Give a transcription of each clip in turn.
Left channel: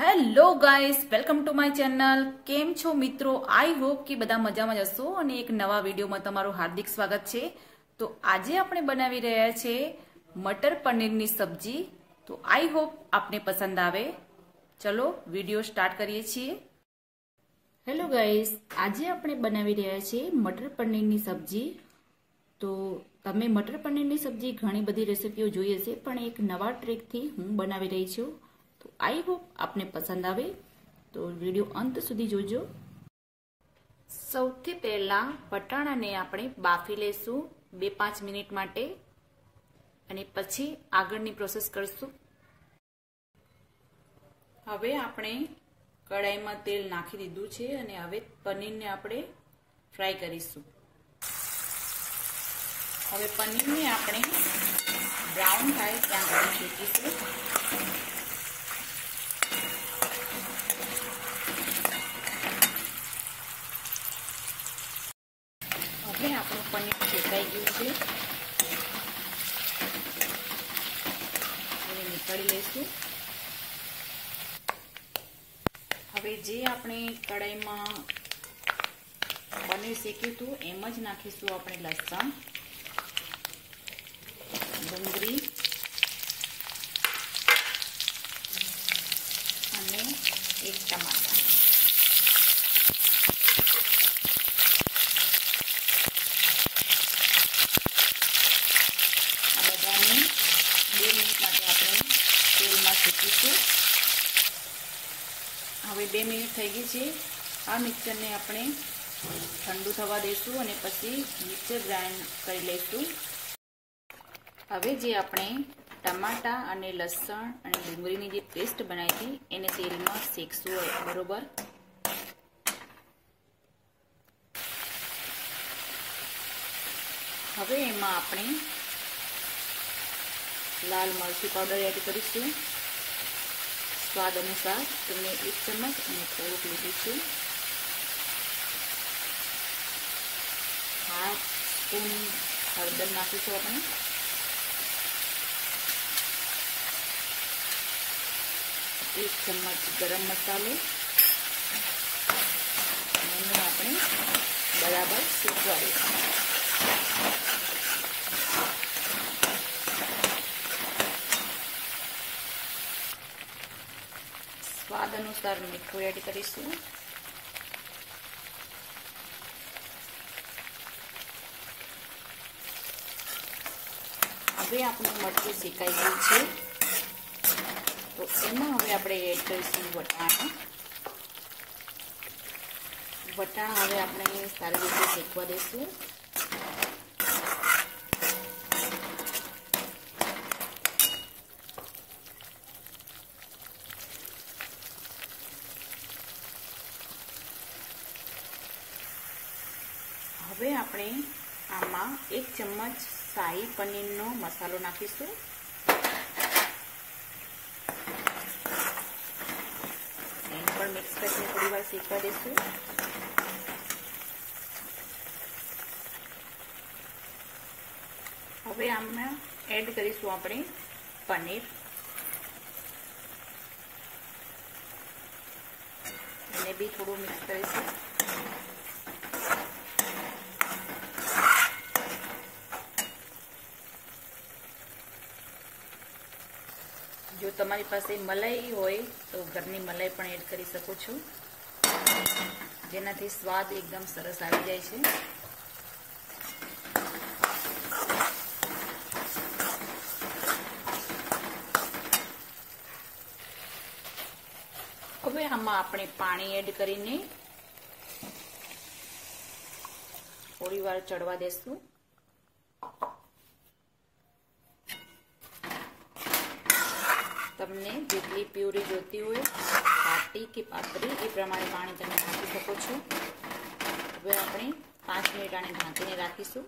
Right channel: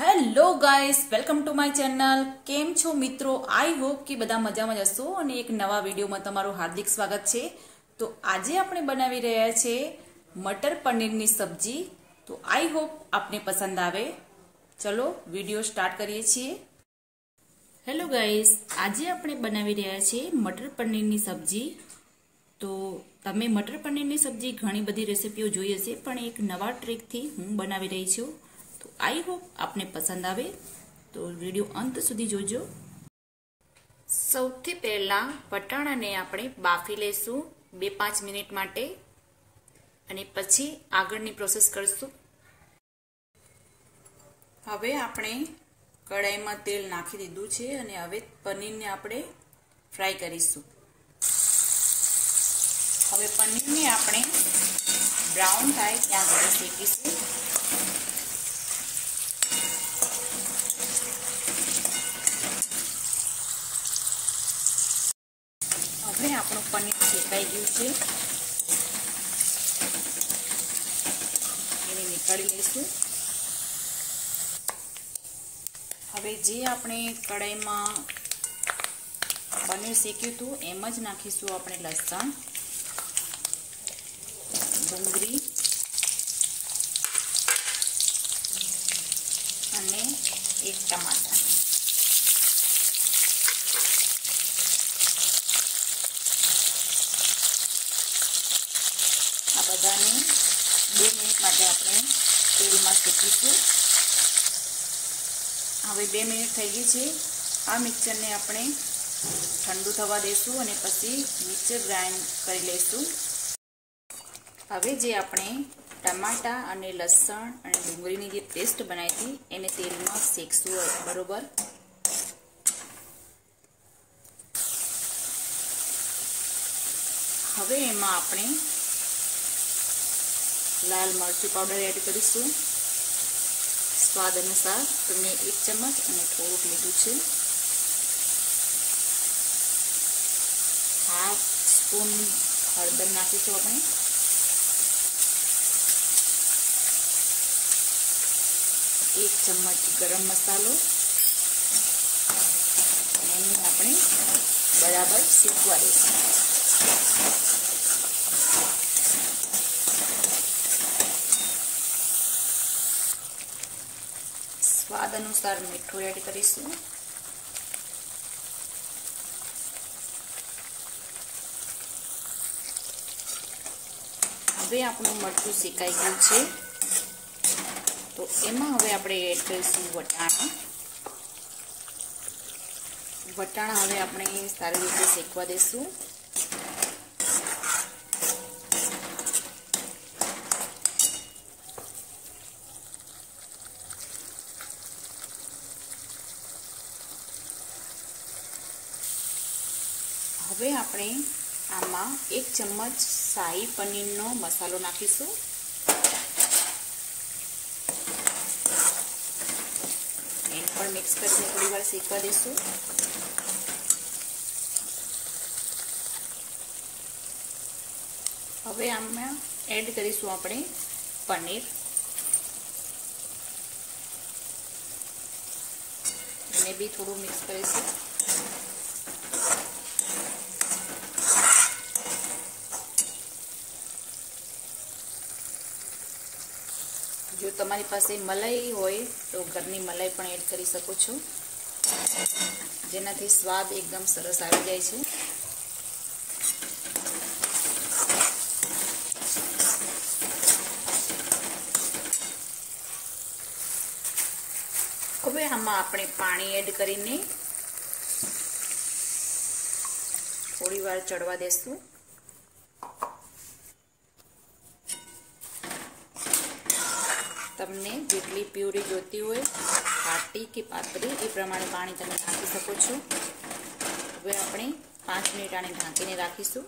Hello guys, welcome to my channel. કેમ છો મિત્રો? આઈ હોપ કે બધા મજામાં જ હશો અને એક નવા વિડીયોમાં તમારું હાર્દિક સ્વાગત છે। તો આજે આપણે બનાવી રહ્યા છે મટર પનીરની સબ્જી। તો આઈ હોપ આપને પસંદ આવે। ચલો વિડીયો સ્ટાર્ટ કરીએ છીએ। હેલો ગાઈસ, આજે આપણે બનાવી રહ્યા છે મટર પનીરની સબ્જી। તો તમે મટર પનીરની સબ્જી ઘણી બધી રેસીપીઓ જોઈ હશે, પણ એક નવા ટ્રીકથી હું બનાવી રહી છું। તો આઈ હોપ આપને પસંદ આવે, તો વિડીયો અંત સુધી જોજો। સૌથી પહેલા વટાણાને આપણે બાફી લઈશું 2-5 મિનિટ માટે અને પછી આગળની પ્રોસેસ કરશું। હવે આપણે કડાઈમાં તેલ નાખી દીધું છે અને હવે પનીરને આપણે ફ્રાય કરીશું। હવે પનીરને આપણે બ્રાઉન થાય ત્યાં સુધી શેકીશું। હવે આપણું પનીર શેકાઈ ગયું છે, એને નીકાળી લઈશું। હવે જે આપણે કડાઈમાં પનીર શેક્યું હતું એમ જ નાખીશું આપણે લસણ, ડુંગળી અને એક ટમાટર। આ બધાને 2 મિનિટ માટે આપણે તેલમાં શેકીશું। હવે 2 મિનિટ થઈ ગઈ છે। આ મિક્સરને આપણે ઠંડુ થવા દઈશું અને પછી મિક્સર ગ્રાઇન્ડ કરી લઈશું। હવે જે આપણે ટમાટા અને લસણ અને ડુંગળીની જે પેસ્ટ બનાવી હતી એને તેલમાં શેકશું બરોબર। હવે એમાં આપણે લાલ મરચું પાવડર એડ કરીશું સ્વાદ અનુસાર। તો મેં 1 ચમચ અને થોડુંક લીધું છે। 1/2 સ્પૂન હળદર નાખીશું આપણે। 1 ચમચ ગરમ મસાલો અને એને આપણે બરાબર શેકવા દઈશું। સ્વાદ અનુસાર મીઠું એડ કરીશું। હવે આપણું મરચું શેકાઈ ગયું છે, તો એમાં હવે આપણે એડ કરીશું વટાણા। વટાણા હવે આપણે સારી રીતે શેકવા દઈશું। હવે આપણે આમાં 1 ચમચ શાહી પનીરનો મસાલો નાખીશું। એને પણ મિક્સ કરીને થોડી વાર શેકવા દઈશું। હવે આમાં એડ કરીશું આપણે પનીર, એને બી થોડું મિક્સ કરીશું। જો તમારી પાસે મલાઈ હોય તો ઘરની મલાઈ પણ એડ કરી શકો છો, જેનાથી સ્વાદ એકદમ સરસ આવી જાય છે। હવે આમાં આપણે પાણી એડ કરીને થોડી વાર ચડવા દેશું। તમને જેટલી પ્યુરી જોતી હોય, ઘાટી કે પાતળી, એ પ્રમાણે પાણી તમે નાખી શકો છો। હવે આપણે 5 મિનિટ આને ઢાંકીને રાખીશું।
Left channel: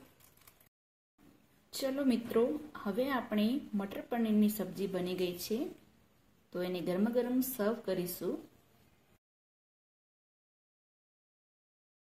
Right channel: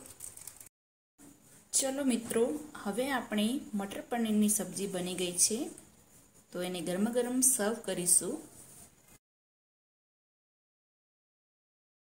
ચલો મિત્રો, હવે આપણે મટર પનીરની સબ્જી બની ગઈ છે, તો એને ગરમા ગરમ સર્વ કરીશું।